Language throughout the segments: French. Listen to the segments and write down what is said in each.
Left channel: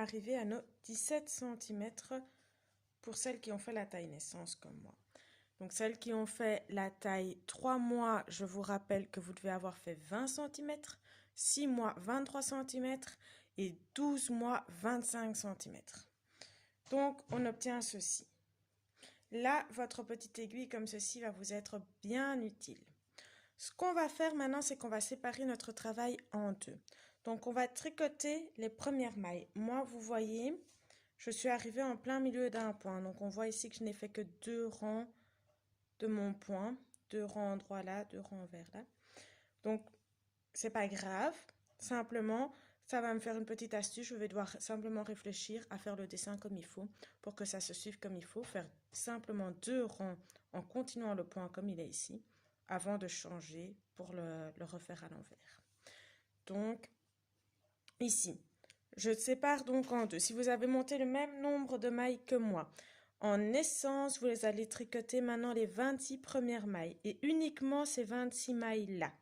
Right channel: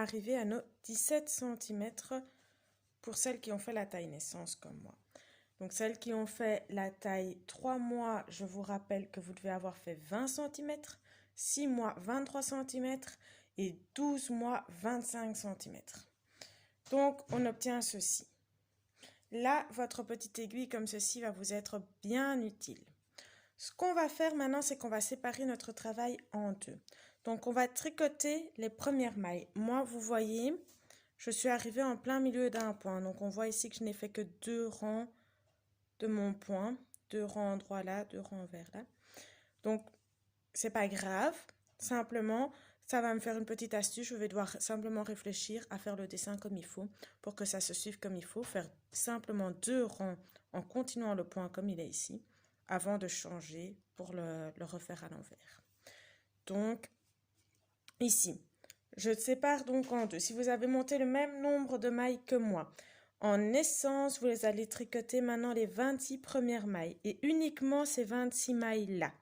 arriver à nos 17 cm pour celles qui ont fait la taille naissance comme moi. Donc celles qui ont fait la taille 3 mois, je vous rappelle que vous devez avoir fait 20 cm, 6 mois 23 cm et 12 mois 25 cm. Donc on obtient ceci. Là, votre petite aiguille comme ceci va vous être bien utile. Ce qu'on va faire maintenant, c'est qu'on va séparer notre travail en deux. Donc, on va tricoter les premières mailles. Moi, vous voyez, je suis arrivée en plein milieu d'un point. Donc, on voit ici que je n'ai fait que 2 rangs de mon point. 2 rangs endroits là, 2 rangs vers là. Donc, c'est pas grave. Simplement, ça va me faire une petite astuce. Je vais devoir simplement réfléchir à faire le dessin comme il faut pour que ça se suive comme il faut. Faire simplement 2 rangs en continuant le point comme il est ici, avant de changer pour le refaire à l'envers. Donc, ici, je sépare donc en deux. Si vous avez monté le même nombre de mailles que moi, en naissance, vous les allez tricoter maintenant les 26 premières mailles et uniquement ces 26 mailles-là.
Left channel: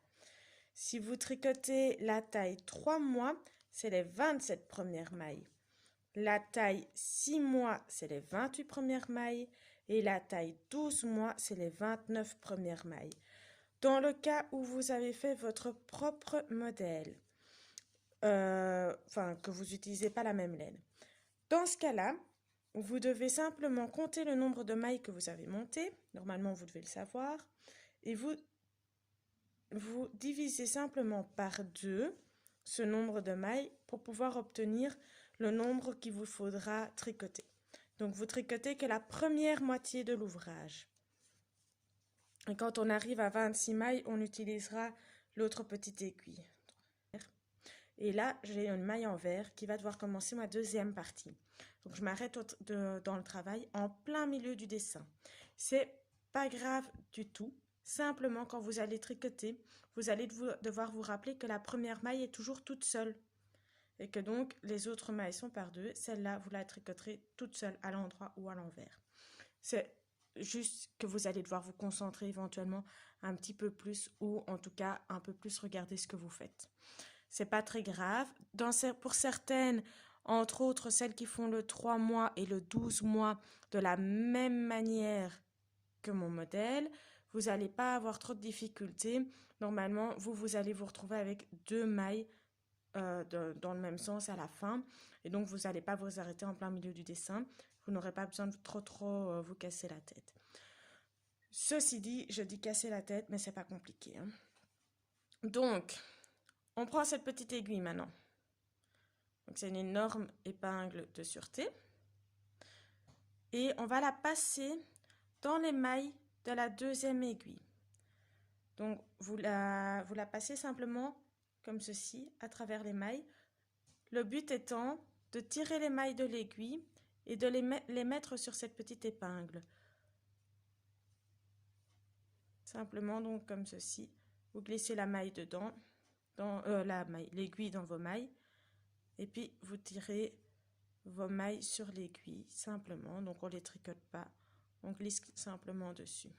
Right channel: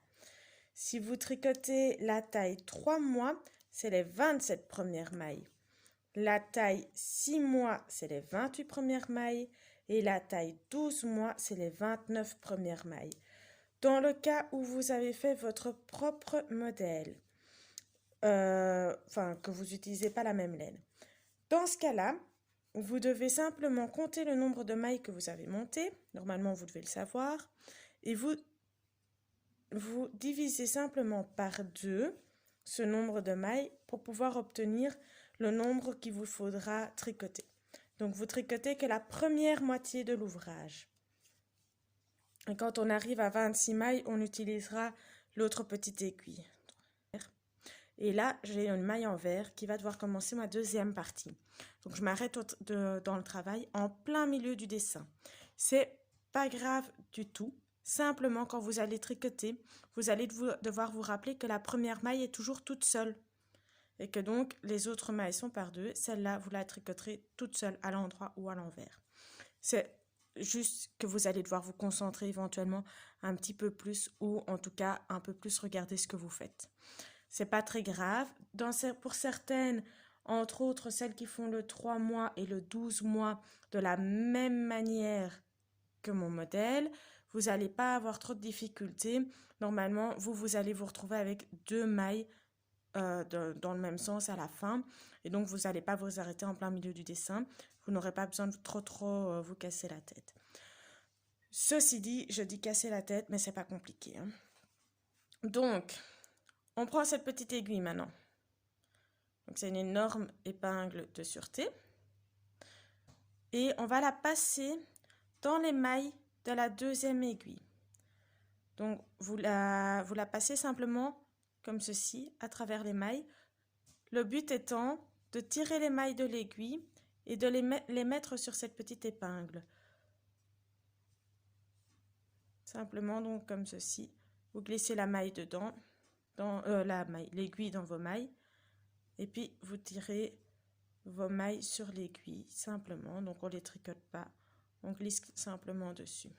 Si vous tricotez la taille 3 mois, c'est les 27 premières mailles. La taille 6 mois, c'est les 28 premières mailles. Et la taille 12 mois, c'est les 29 premières mailles. Dans le cas où vous avez fait votre propre modèle, que vous n'utilisez pas la même laine. Dans ce cas-là, vous devez simplement compter le nombre de mailles que vous avez montées. Normalement, vous devez le savoir. Et vous divisez simplement par 2 ce nombre de mailles pour pouvoir obtenir le nombre qu'il vous faudra tricoter. Donc, vous tricotez que la première moitié de l'ouvrage. Et quand on arrive à 26 mailles, on utilisera l'autre petite aiguille. Et là, j'ai une maille en vert qui va devoir commencer ma deuxième partie. Donc, je m'arrête dans le travail en plein milieu du dessin. C'est pas grave du tout. Simplement, quand vous allez tricoter, vous allez devoir vous rappeler que la première maille est toujours toute seule. Et que donc, les autres mailles sont par deux. Celle-là, vous la tricoterez toute seule à l'endroit ou à l'envers. C'est juste que vous allez devoir vous concentrer éventuellement un petit peu plus ou en tout cas un peu plus regarder ce que vous faites. C'est pas très grave. Pour certaines, entre autres celles qui font le 3 mois et le 12 mois de la même manière que mon modèle, vous n'allez pas avoir trop de difficultés. Normalement, vous allez vous retrouver avec 2 mailles dans le même sens à la fin. Et donc, vous n'allez pas vous arrêter en plein milieu du dessin. Vous n'aurez pas besoin de trop vous casser la tête. Ceci dit, je dis casser la tête, mais c'est pas compliqué. Hein. Donc, on prend cette petite aiguille maintenant. Donc, c'est une énorme épingle de sûreté. Et on va la passer dans les mailles de la deuxième aiguille. Donc, vous la passez simplement comme ceci, à travers les mailles. Le but étant de tirer les mailles de l'aiguille et de les mettre sur cette petite épingle. Simplement donc comme ceci. Vous glissez la maille dedans, l'aiguille dans vos mailles. Et puis vous tirez vos mailles sur l'aiguille, simplement. Donc on ne les tricote pas, on glisse simplement dessus.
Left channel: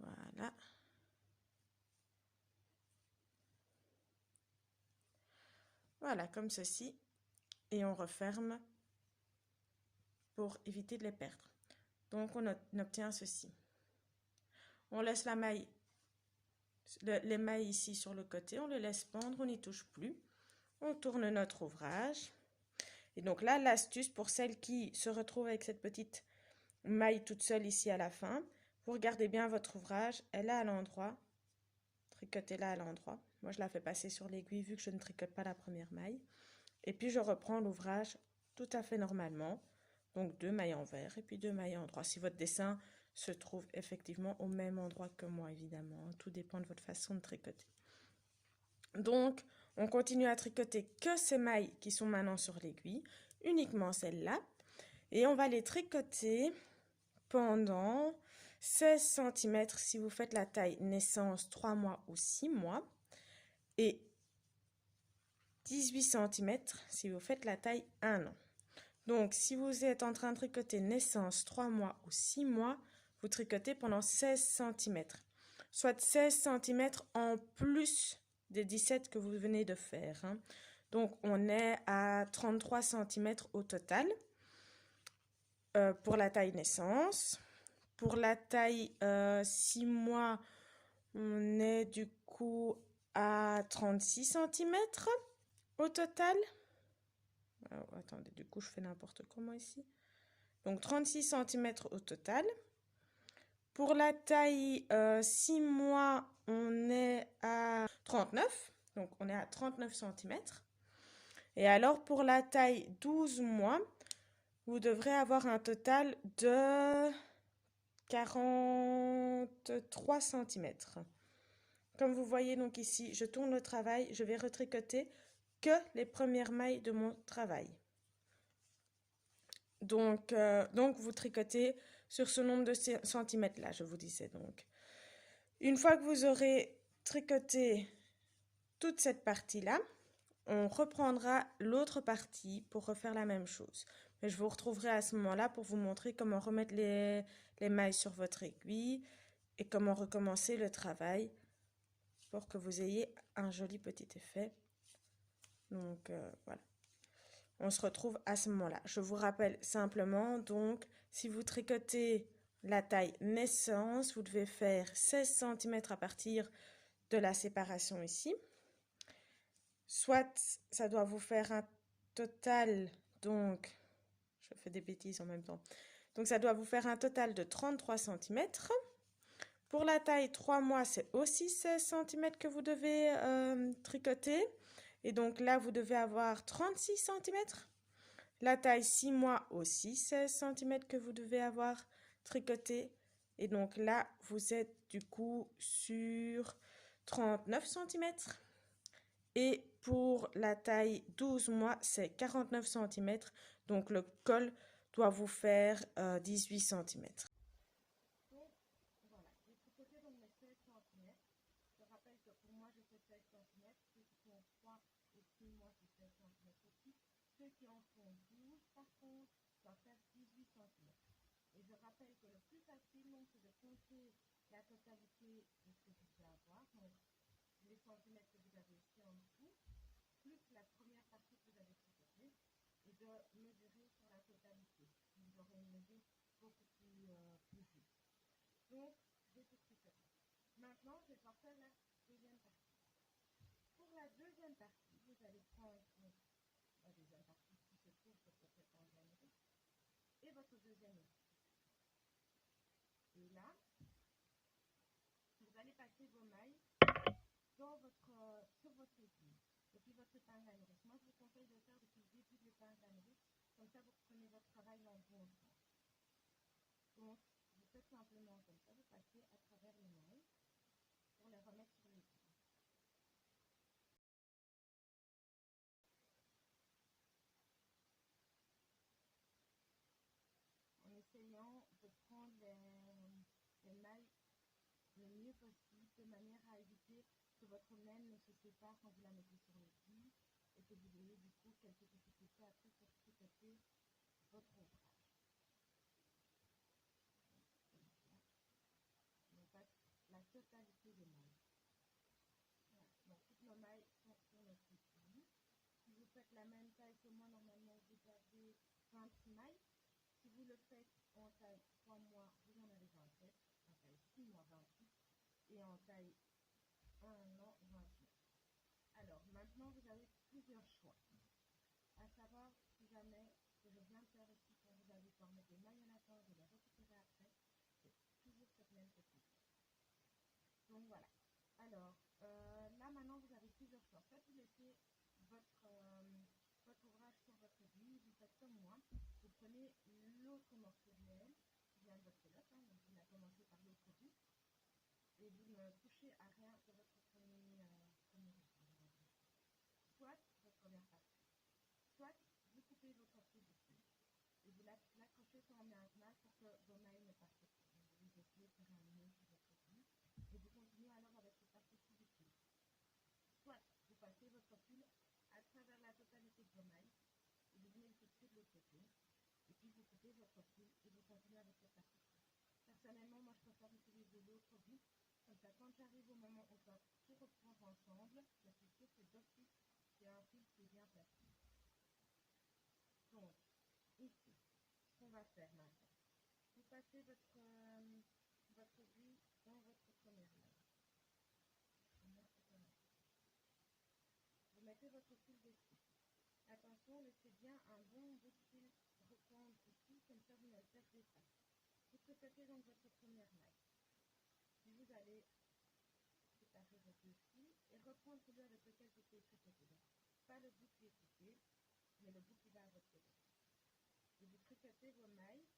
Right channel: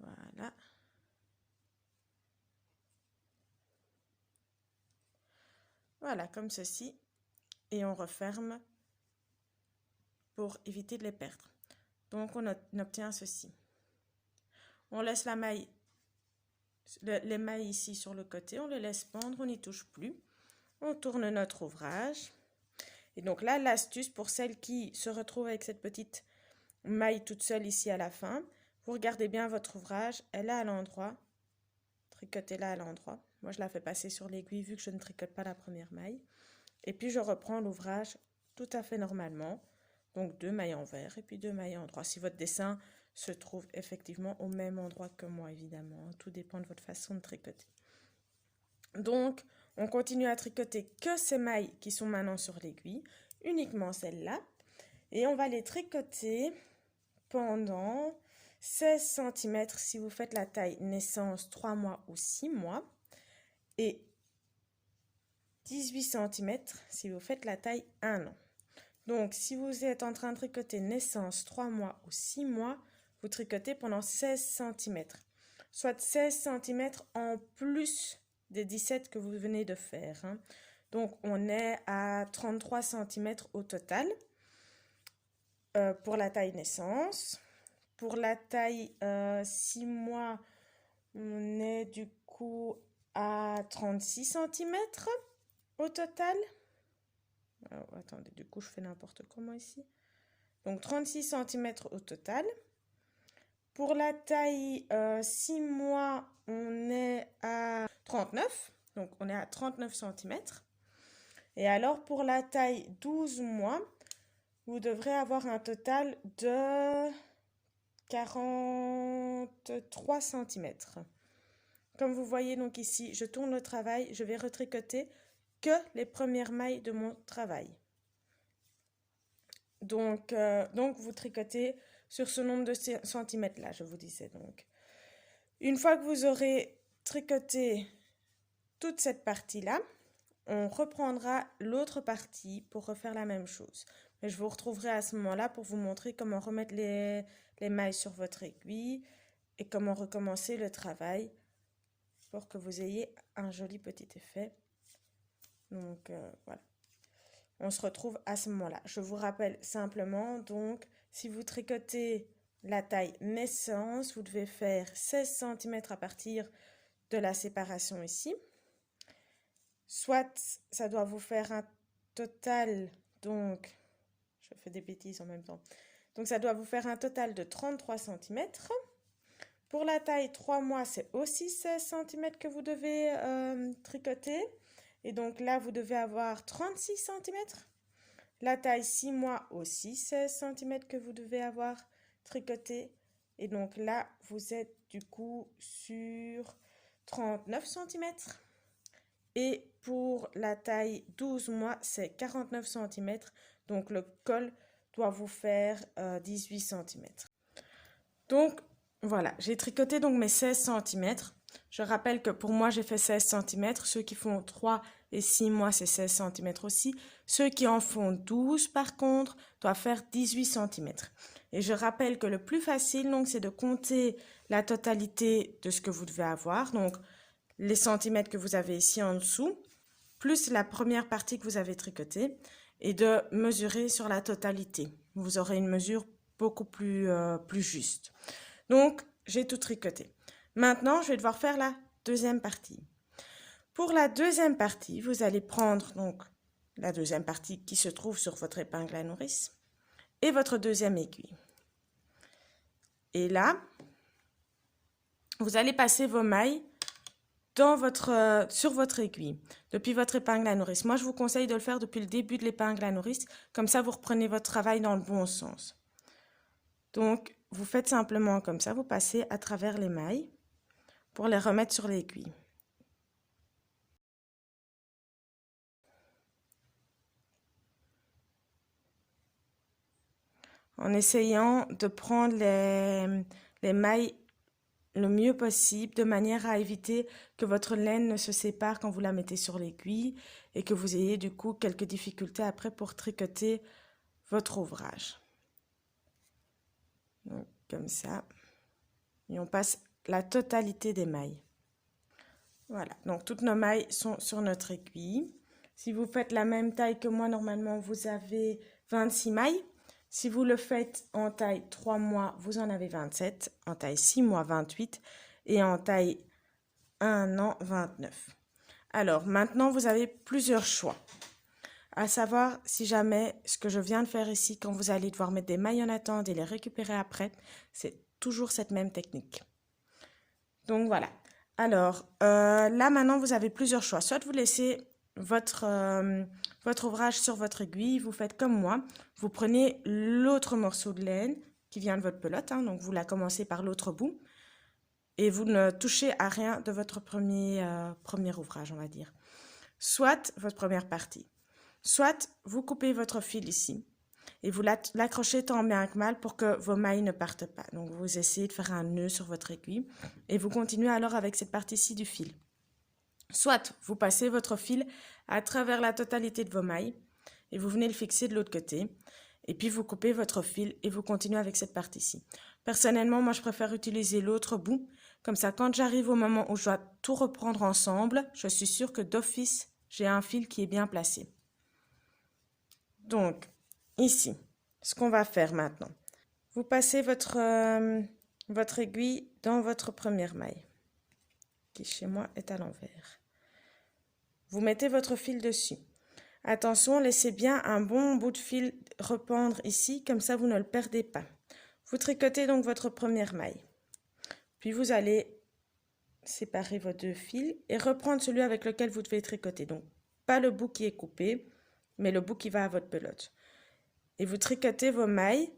Voilà. Voilà, comme ceci. Et on referme pour éviter de les perdre. Donc on obtient ceci. On laisse la maille, les mailles ici sur le côté, on les laisse pendre, on n'y touche plus. On tourne notre ouvrage. Et donc là, l'astuce pour celles qui se retrouvent avec cette petite maille toute seule ici à la fin, vous regardez bien votre ouvrage, elle est à l'endroit, tricotez-la à l'endroit. Moi, je la fais passer sur l'aiguille vu que je ne tricote pas la première maille. Et puis, je reprends l'ouvrage tout à fait normalement. Donc, 2 mailles en vert et puis 2 mailles en droit. Si votre dessin se trouve effectivement au même endroit que moi, évidemment. Tout dépend de votre façon de tricoter. Donc, on continue à tricoter que ces mailles qui sont maintenant sur l'aiguille, uniquement celles-là. Et on va les tricoter pendant 16 cm si vous faites la taille naissance 3 mois ou 6 mois. Et 18 cm si vous faites la taille 1 an. Donc, si vous êtes en train de tricoter naissance 3 mois ou 6 mois, vous tricotez pendant 16 cm. Soit 16 cm en plus des 17 que vous venez de faire. Hein. Donc, on est à 33 cm au total pour la taille naissance. Pour la taille 6 mois, on est du coup à 36 cm au total. Oh, attendez, du coup, je fais n'importe comment ici. Donc, 36 cm au total. Pour la taille 6 mois, on est à 39. Donc, on est à 39 cm. Et alors, pour la taille 12 mois, vous devrez avoir un total de 43 cm. Comme vous voyez donc ici, je tourne le travail, je vais retricoter que les premières mailles de mon travail. Donc vous tricotez sur ce nombre de centimètres là, je vous disais donc. Une fois que vous aurez tricoté toute cette partie-là, on reprendra l'autre partie pour refaire la même chose. Mais je vous retrouverai à ce moment-là pour vous montrer comment remettre les mailles sur votre aiguille et comment recommencer le travail pour que vous ayez un joli petit effet. Donc voilà. On se retrouve à ce moment-là. Je vous rappelle simplement, donc, si vous tricotez la taille naissance, vous devez faire 16 cm à partir de la séparation ici. Soit ça doit vous faire un total, donc, je fais des bêtises en même temps. Donc, ça doit vous faire un total de 33 cm. Pour la taille 3 mois, c'est aussi 16 cm que vous devez tricoter. Et donc là, vous devez avoir 36 cm. La taille 6 mois aussi 16 cm que vous devez avoir tricoté. Et donc là, vous êtes du coup sur 39 cm. Et pour la taille 12 mois, c'est 49 cm. Donc le col doit vous faire 18 cm. Donc voilà, j'ai tricoté donc mes 16 cm. Je rappelle que pour moi, j'ai fait 16 cm. Ceux qui font 3 et 6 mois, c'est 16 cm aussi. Ceux qui en font 12, par contre, doivent faire 18 cm. Et je rappelle que le plus facile, donc, c'est de compter la totalité de ce que vous devez avoir. Donc, les centimètres que vous avez ici en dessous, plus la première partie que vous avez tricotée, et de mesurer sur la totalité. Vous aurez une mesure beaucoup plus juste. Donc, j'ai tout tricoté. Maintenant, je vais devoir faire la deuxième partie. Pour la deuxième partie, vous allez prendre donc la deuxième partie qui se trouve sur votre épingle à nourrice et votre deuxième aiguille. Et là, vous allez passer vos mailles sur votre aiguille, depuis votre épingle à nourrice. Moi, je vous conseille de le faire depuis le début de l'épingle à nourrice, comme ça vous reprenez votre travail dans le bon sens. Donc, vous faites simplement comme ça, vous passez à travers les mailles pour les remettre sur l'aiguille. En essayant de prendre les mailles le mieux possible, de manière à éviter que votre laine ne se sépare quand vous la mettez sur l'aiguille et que vous ayez du coup quelques difficultés après pour tricoter votre ouvrage. Donc, comme ça. Et on passe la totalité des mailles. Voilà, donc toutes nos mailles sont sur notre aiguille. Si vous faites la même taille que moi, normalement, vous avez 26 mailles. Si vous le faites en taille 3 mois, vous en avez 27, en taille 6 mois, 28 et en taille 1 an, 29. Alors, maintenant, vous avez plusieurs choix. À savoir, si jamais ce que je viens de faire ici, quand vous allez devoir mettre des mailles en attente et les récupérer après, c'est toujours cette même technique. Donc, voilà. Alors, là, maintenant, vous avez plusieurs choix. Soit vous laissez votre ouvrage sur votre aiguille, vous faites comme moi. Vous prenez l'autre morceau de laine qui vient de votre pelote, hein, donc vous la commencez par l'autre bout. Et vous ne touchez à rien de votre premier ouvrage, on va dire. Soit votre première partie. Soit vous coupez votre fil ici et vous l'accrochez tant bien que mal pour que vos mailles ne partent pas. Donc, vous essayez de faire un nœud sur votre aiguille et vous continuez alors avec cette partie-ci du fil. Soit vous passez votre fil à travers la totalité de vos mailles et vous venez le fixer de l'autre côté. Et puis, vous coupez votre fil et vous continuez avec cette partie-ci. Personnellement, moi, je préfère utiliser l'autre bout. Comme ça, quand j'arrive au moment où je dois tout reprendre ensemble, je suis sûre que d'office, j'ai un fil qui est bien placé. Donc, ici, ce qu'on va faire maintenant, vous passez votre aiguille dans votre première maille, qui chez moi est à l'envers. Vous mettez votre fil dessus. Attention, laissez bien un bon bout de fil rependre ici, comme ça vous ne le perdez pas. Vous tricotez donc votre première maille. Puis vous allez séparer vos deux fils et reprendre celui avec lequel vous devez tricoter. Donc, pas le bout qui est coupé, mais le bout qui va à votre pelote. Et vous tricotez vos mailles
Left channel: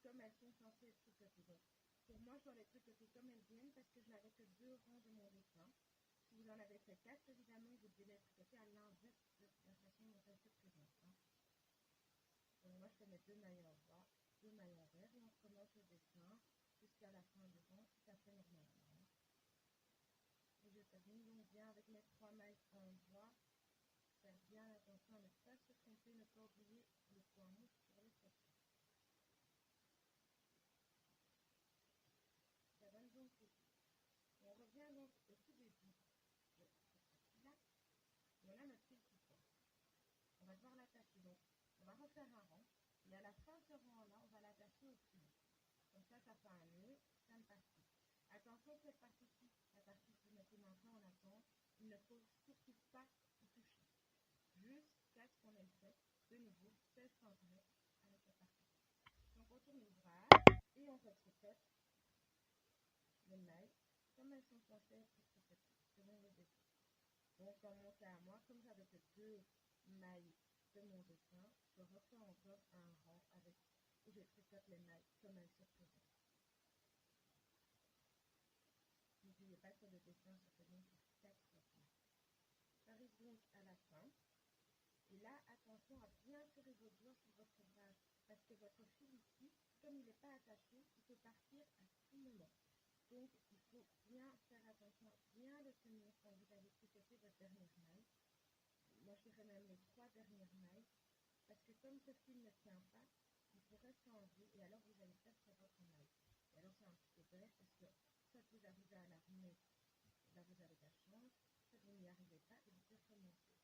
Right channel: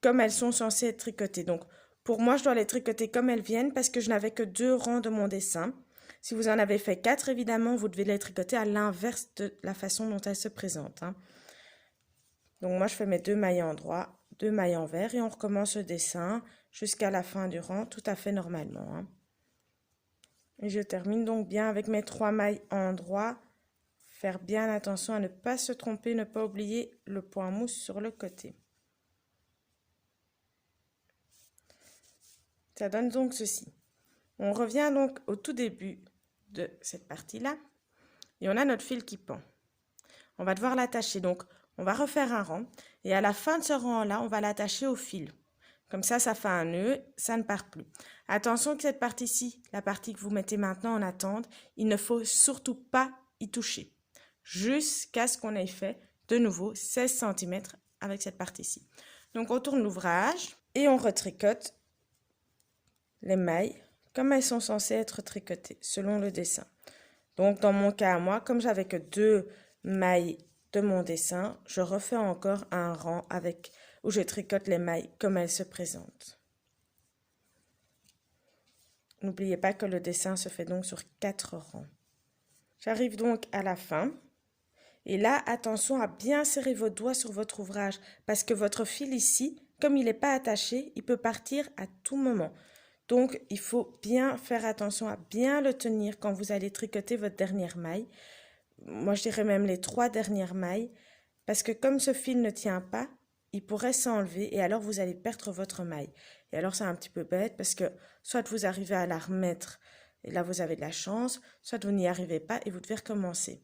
comme elles sont censées être tricotées. Donc, pour moi, je dois les tricoter comme elles viennent parce que je n'avais que 2 rangs de mon dessin. Si vous en avez fait 4, évidemment, vous devez les tricoter à l'inverse de la façon dont elles se présentent. Donc, moi, je fais mes 2 mailles en droit, 2 mailles envers et on recommence le dessin jusqu'à la fin du rang tout à fait normalement. Et je termine donc bien avec mes 3 mailles en droit. Faire bien attention à ne pas se tromper, ne pas oublier le point mousse sur le côté. Ça donne donc ceci. On revient donc au tout début de cette partie-là et on a notre fil qui pend. On va devoir l'attacher, donc on va refaire un rang et à la fin de ce rang-là, on va l'attacher au fil. Comme ça fait un nœud, ça ne part plus. Attention que cette partie-ci, la partie que vous mettez maintenant en attente, il ne faut surtout pas y toucher. Jusqu'à ce qu'on ait fait de nouveau 16 cm avec cette partie-ci. Donc on tourne l'ouvrage et on retricote les mailles comme elles sont censées être tricotées selon le dessin. Donc dans mon cas à moi, comme j'avais que 2 mailles de mon dessin, je refais encore un rang où je tricote les mailles comme elles se présentent. N'oubliez pas que le dessin se fait donc sur 4 rangs. J'arrive donc à la fin. Et là, attention à bien serrer vos doigts sur votre ouvrage parce que votre fil ici, comme il n'est pas attaché, il peut partir à tout moment. Donc, il faut bien faire attention à bien le tenir quand vous allez tricoter votre dernière maille. Moi, je dirais même les 3 dernières mailles parce que comme ce fil ne tient pas, il pourrait s'enlever et alors vous allez perdre votre maille. Et alors, c'est un petit peu bête parce que soit vous arrivez à la remettre et là, vous avez de la chance, soit vous n'y arrivez pas et vous devez recommencer.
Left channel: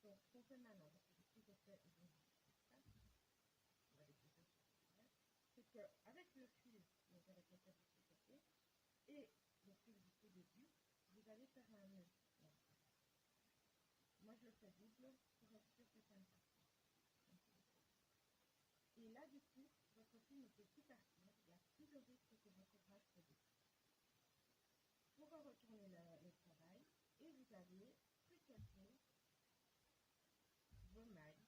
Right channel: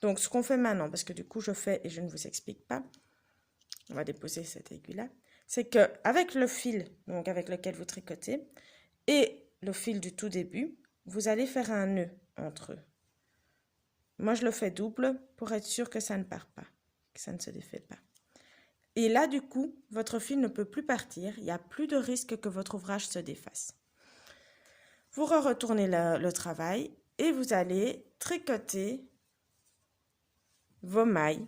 Donc, ce qu'on fait maintenant, parce que du coup, je fais et je ne vous explique pas, on va déposer cette aiguille-là, c'est qu'avec le fil donc avec lequel vous tricotez et le fil du tout début, vous allez faire un nœud entre eux. Moi, je le fais double pour être sûr que ça ne part pas, que ça ne se défait pas. Et là, du coup, votre fil ne peut plus partir, il n'y a plus de risque que votre ouvrage se défasse. Vous retournez le travail et vous allez tricoter vos mailles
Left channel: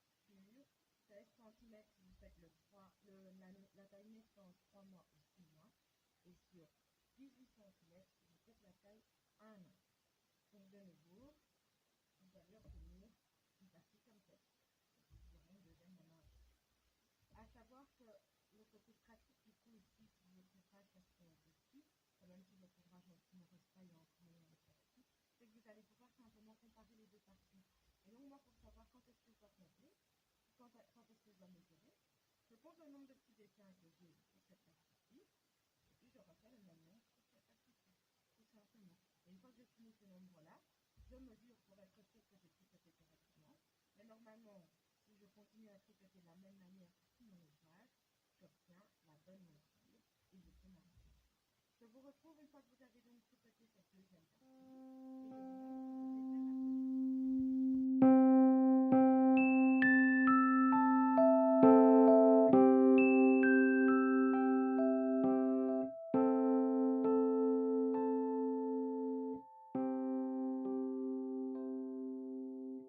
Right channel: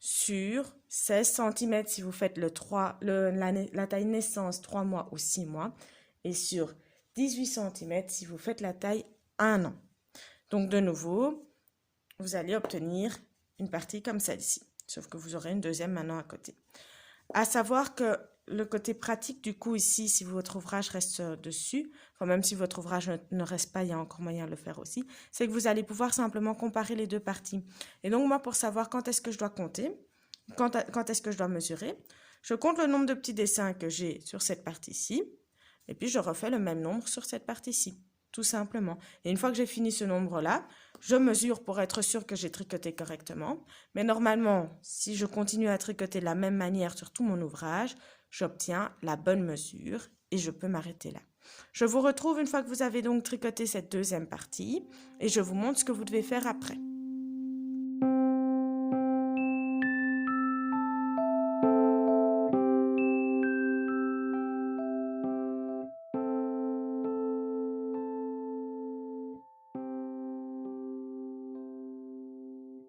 sur 16 cm si vous faites la taille naissance 3 mois ou 6 mois et sur 18 cm si vous faites la taille 1 an. Donc de nouveau, vous allez obtenir une partie comme celle-ci, sauf que vous aurez une deuxième maintenant à côté. À savoir que le côté pratique du coup ici, si votre ouvrage reste dessus, enfin même si votre ouvrage ne reste pas, il y a encore moyen de le faire aussi, c'est que vous allez pouvoir simplement comparer les 2 parties. Et donc moi, pour savoir quand est-ce que je dois compter, quand est-ce que je dois mesurer, je compte le nombre de petits dessins que j'ai sur cette partie-ci, et puis je refais le même nombre sur cette partie-ci, tout simplement. Et une fois que j'ai fini ce nombre-là, je mesure pour être sûr que j'ai tricoté correctement. Mais normalement, si je continue à tricoter de la même manière sur tout mon ouvrage, j'obtiens la bonne mesure et je peux m'arrêter là. Je vous retrouve une fois que vous avez donc tricoté cette deuxième partie et je vous montre ce que vous devez faire après.